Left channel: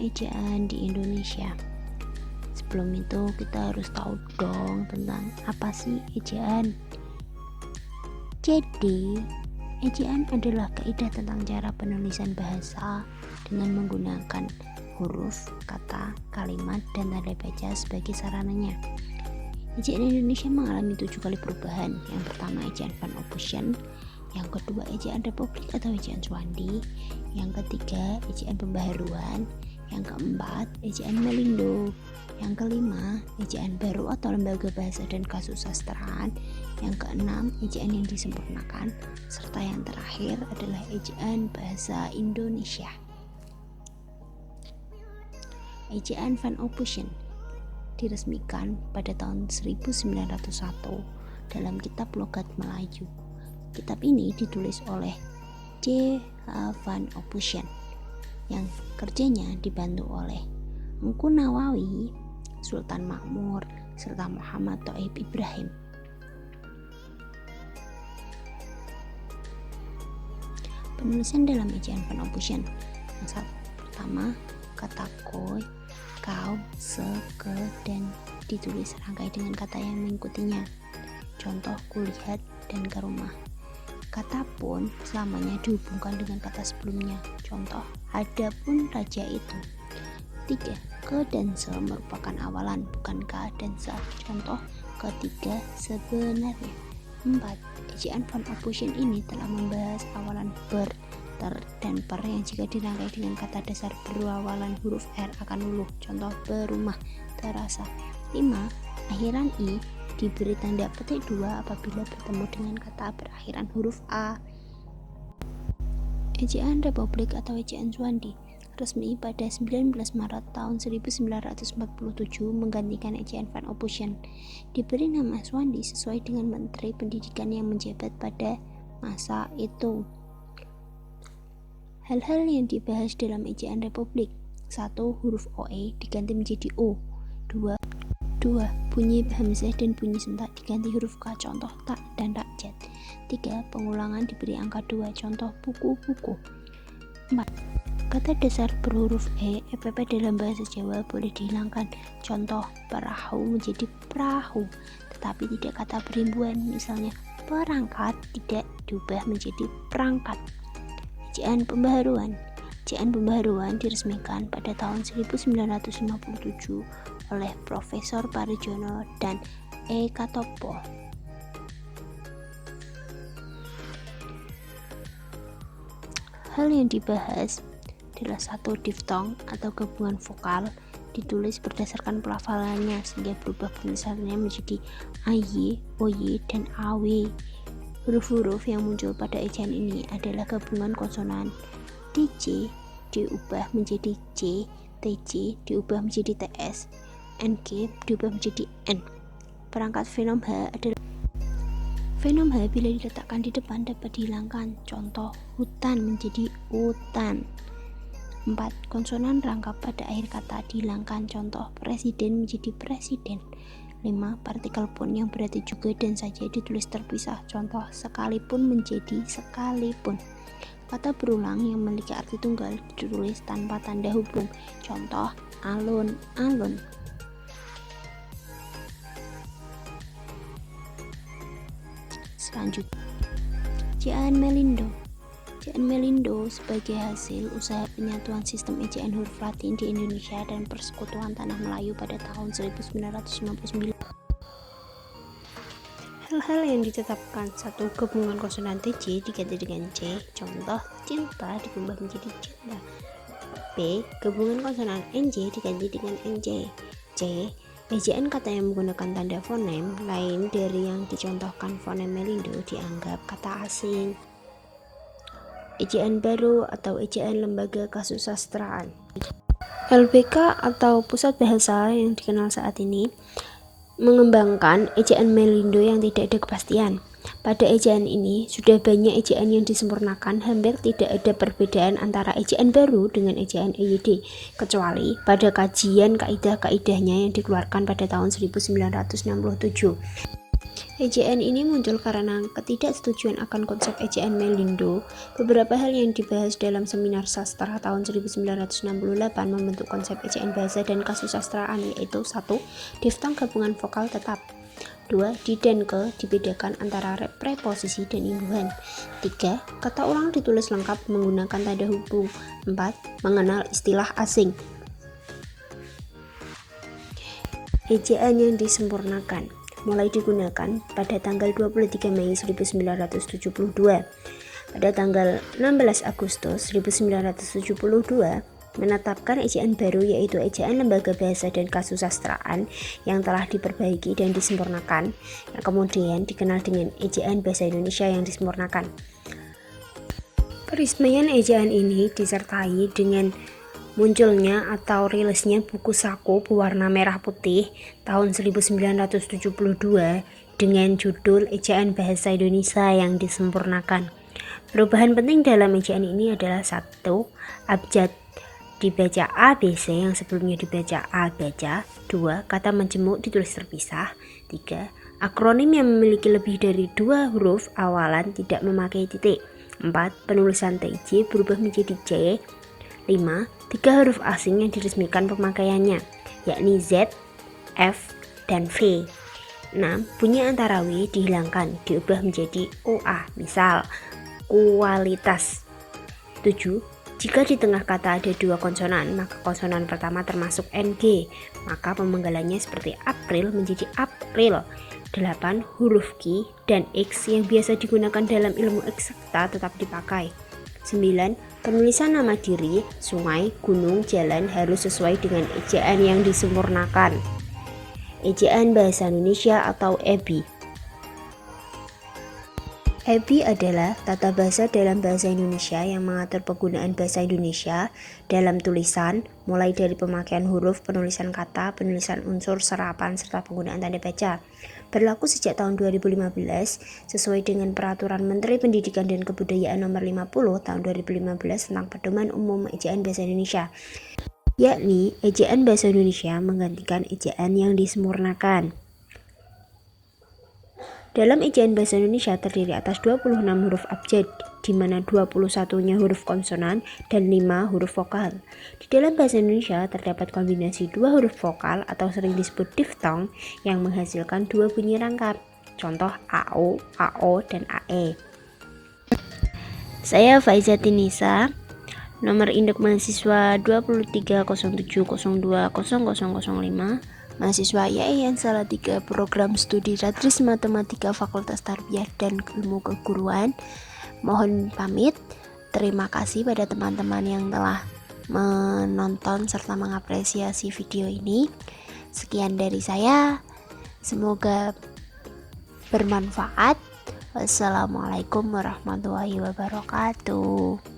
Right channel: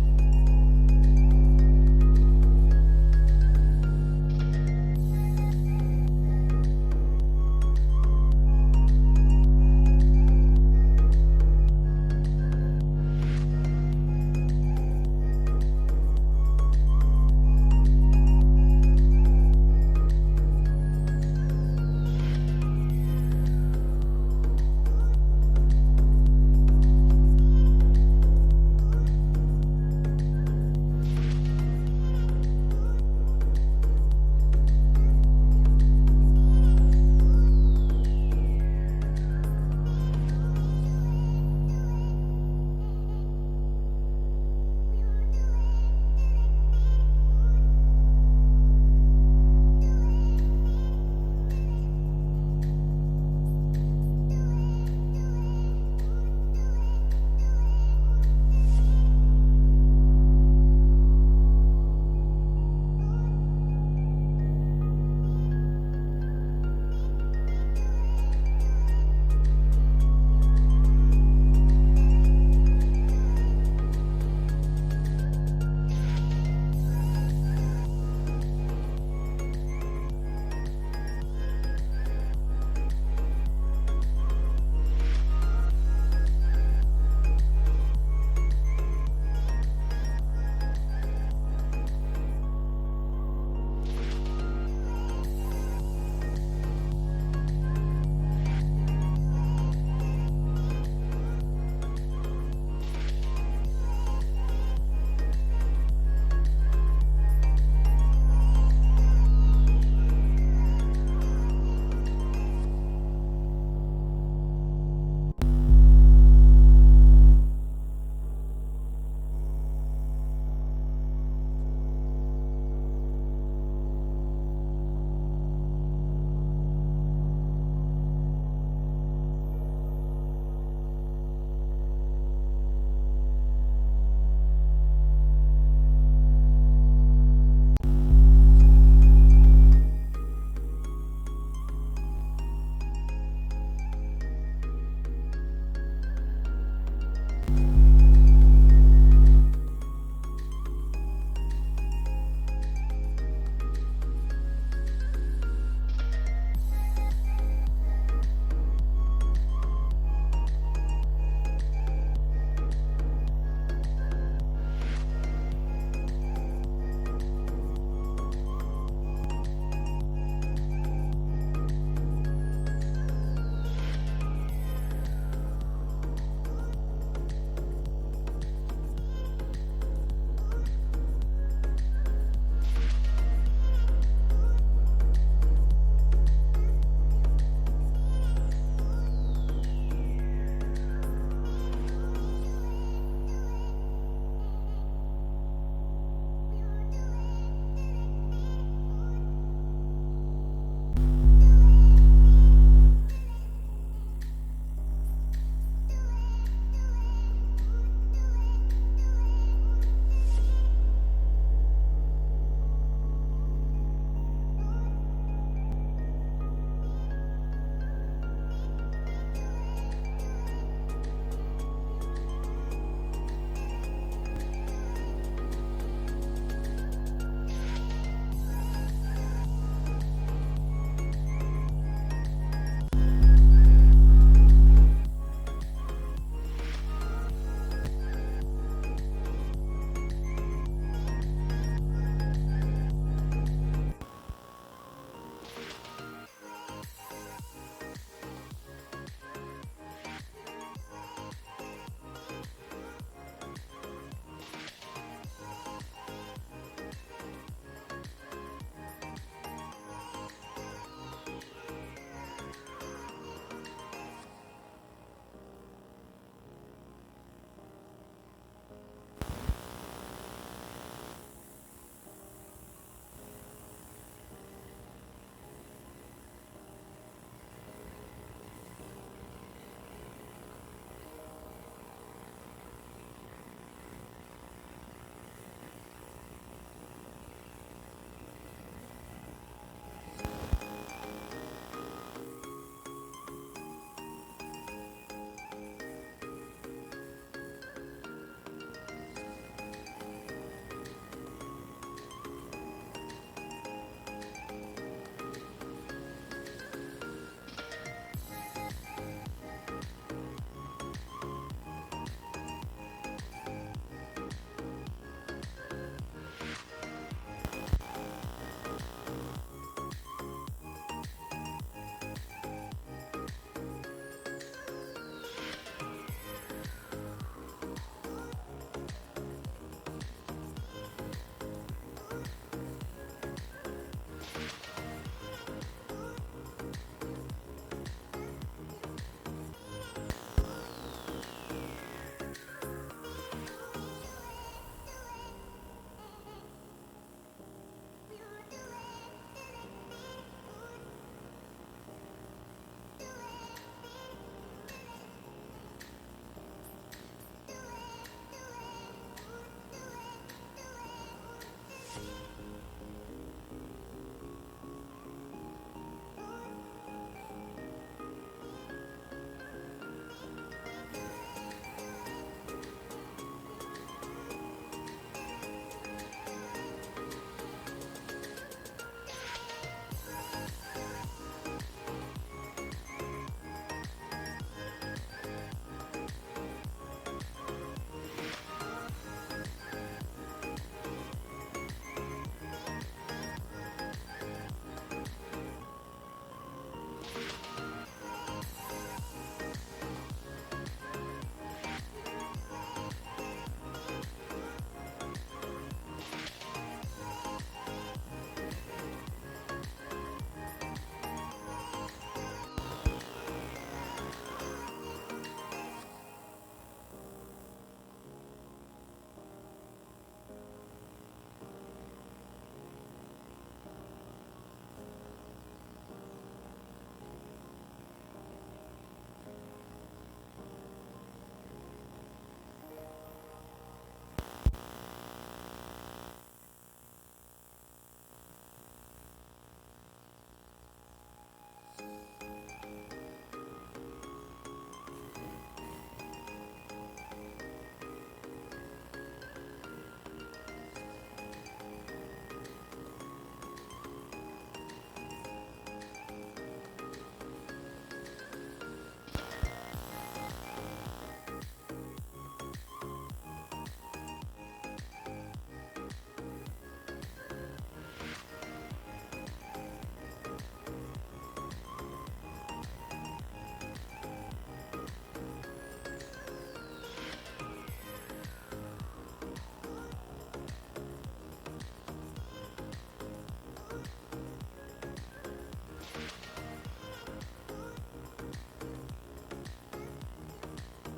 ejaan di Indonesia. Sebelum itu kita harus tahu dong tentang apa sih ejaan. Jadi, ejaan adalah kaidah tentang cara penulisan bahasa dengan menggunakan huruf, kata, kalimat, dan tanda baca sebagai sarananya. Ejaan Indonesia mengalami 7 kali perubahan. Yang pertama ejaan Van Ophusen, yang kedua ejaan Republik atau ejaan Swandi, yang ketiga ejaan pembaharuan, yang keempat ejaan Melindo, yang kelima ejaan baru atau lembaga bahasa dan kasusastraan, yang keenam ejaan yang disempurnakan, serta yang terakhir adalah ejaan bahasa Indonesia. Ejaan Van Ophusen diresmikan pada tahun 1901 dalam kitab Logat Melayu. Kitab ini ditulis oleh C. Van Ophusen yang kerjanya dibantu oleh Engku Nawawi, Sultan Makmur, serta Muhammad Thaib Ibrahim. Penulisan dalam ejaan Van Ophusen. Pertama, kata koi, kau, se, ke, dan ditulis serangkai dengan kata yang mengikutinya. Contoh kulihat dan ke rumah. Kata pun selamanya dihubungkan dengan kata sebelumnya. Contoh adapun raja itu. 3. Ke dan se merupakan awalan, bukan ka dan sa. Contoh ketiga sebenarnya. 4. Ejaan Van Ophusen ini telah membahas awalan ber, ter, dan per yang jika dirangkai dengan kata dasar berawalan huruf R akan luluh. Contoh berumah, terasa. 5. Akhiran i diberi tanda petik 2 apabila bertemu dengan kata berakhiran huruf A. Ejaan Republik atau ejaan Swandi resmi pada 19 Maret tahun 1947 menggantikan ejaan Van Ophusen. Diberi nama Swandi sesuai dengan Menteri Pendidikan yang menjabat pada masa itu. Hal-hal yang dibahas dalam ejaan Republik. 1. Huruf OE diganti menjadi O. 2. Bunyi hamzah dan bunyi sentak diganti huruf K. Contoh tak dan rakyat. 3. Pengulangan diberi angka 2. Contoh buku-buku. 4. Kata dasar berhuruf EPP dalam bahasa Jawa boleh dihilangkan. Contoh perahu menjadi perahu, tetapi tidak kata berimbuan. Misalnya perangkat tidak diubah menjadi perangkat. Ejaan pembaharuan. Ejaan pembaharuan diresmikan pada tahun 1957 oleh Profesor Parijono dan E. Katopo. Hal yang dibahas adalah 1. Diftong atau gabungan vokal ditulis berdasarkan pelafalannya sehingga berubah penulisannya menjadi AY, OY, dan AW. Huruf-huruf yang muncul pada ejaan ini adalah gabungan konsonan. TC diubah menjadi C, TC diubah menjadi TS, NG diubah menjadi N. Perangkat fenom H adalah fenom H bila diletakkan di depan dapat dihilangkan. Contoh hutan menjadi utan. 4. Konsonan rangkap pada akhir kata dihilangkan. Contoh presiden menjadi presiden. 5. Partikel pun yang berarti juga dan saja ditulis terpisah. Contoh sekalipun menjadi sekalipun. Kata berulang yang memiliki arti tunggal ditulis tanpa tanda hubung. Contoh alun-alun. Selanjutnya, ejaan Melindo. Ejaan Melindo sebagai hasil usaha penyatuan sistem ejaan huruf Latin di Indonesia dan Persekutuan Tanah Melayu pada tahun 1999. Hal-hal yang ditetapkan. 1. Gabungan konsonan TC diganti dengan C. Contoh cinta diubah menjadi cinta. B. Gabungan konsonan NJ diganti dengan NJ. C. Ejaan kata yang menggunakan tanda fonem lain dari yang dicontohkan fonem Melindo dianggap kata asing. Ejaan baru atau ejaan lembaga kasusastraan. LBK atau Pusat Bahasa yang dikenal saat ini mengembangkan ejaan Melindo yang tidak ada kepastian. Pada ejaan ini sudah banyak ejaan yang disempurnakan, hampir tidak ada perbedaan antara ejaan baru dengan ejaan EYD, kecuali pada kajian kaidah-kaidahnya yang dikeluarkan pada tahun 1967. Ejaan ini muncul karena ketidaksetujuan akan konsep ejaan Melindo. Beberapa hal yang dibahas dalam seminar sastra tahun 1968 membentuk konsep ejaan bahasa dan kasusastraan, yaitu 1. Diftong gabungan vokal tetap. 2. Di dan ke dibedakan antara preposisi dan imbuhan. 3. Kata ulang ditulis lengkap menggunakan tanda hubung. 4. Mengenal istilah asing. Ejaan yang disempurnakan mulai digunakan pada tanggal 23 Mei 1972. Pada tanggal 16 Agustus 1972 menetapkan ejaan baru, yaitu ejaan Lembaga Bahasa dan Kasusastraan yang telah diperbaiki dan disempurnakan, yang kemudian dikenal dengan ejaan Bahasa Indonesia yang disempurnakan. Peresmian ejaan ini disertai dengan munculnya atau rilisnya buku saku berwarna merah putih tahun 1972 dengan judul Ejaan Bahasa Indonesia yang disempurnakan. Perubahan penting dalam ejaan ini adalah 1. Abjad dibaca ABC yang sebelumnya dibaca A baca. 2. Kata menjemuk ditulis terpisah. 3. Akronim yang memiliki lebih dari 2 huruf awalan tidak memakai titik. 4. Penulisan TJ berubah menjadi J. 5. 3 huruf asing yang diresmikan pemakaiannya, yakni Z, F, dan V. 6. Bunyi antara W dihilangkan, diubah menjadi OA, misal kualitas. 7. Jika di tengah kata ada 2 konsonan, maka konsonan pertama termasuk NG, maka pemenggalannya seperti April menjadi April. 8. Huruf Q dan X yang biasa digunakan dalam ilmu eksakta tetap dipakai. 9. Penulisan nama diri, sungai, gunung, jalan harus sesuai dengan ejaan yang disempurnakan. Ejaan Bahasa Indonesia atau EBI. EBI adalah tata bahasa dalam bahasa Indonesia yang mengatur penggunaan bahasa Indonesia dalam tulisan, mulai dari pemakaian huruf, penulisan kata, penulisan unsur, serapan, serta penggunaan tanda baca. Berlaku sejak tahun 2015 sesuai dengan Peraturan Menteri Pendidikan dan Kebudayaan Nomor 50 Tahun 2015 tentang Pedoman Umum Ejaan Bahasa Indonesia, yakni ejaan Bahasa Indonesia menggantikan ejaan yang disempurnakan. Dalam ejaan Bahasa Indonesia terdiri atas 26 huruf abjad, di mana 21-nya huruf konsonan dan 5 huruf vokal. Di dalam Bahasa Indonesia terdapat kombinasi 2 huruf vokal atau sering disebut diftong yang menghasilkan 2 bunyi rangkap. Contoh AO, AO, dan AE. Saya Faiza Tinisa, nomor induk mahasiswa 2307020005, mahasiswa YAIN Salatiga, program studi Radris Matematika Fakultas Tarbiyah dan Ilmu Keguruan. Mohon pamit. Terima kasih pada teman-teman yang telah menonton serta mengapresiasi video ini. Sekian dari saya. Semoga bermanfaat. Wassalamualaikum warahmatullahi wabarakatuh.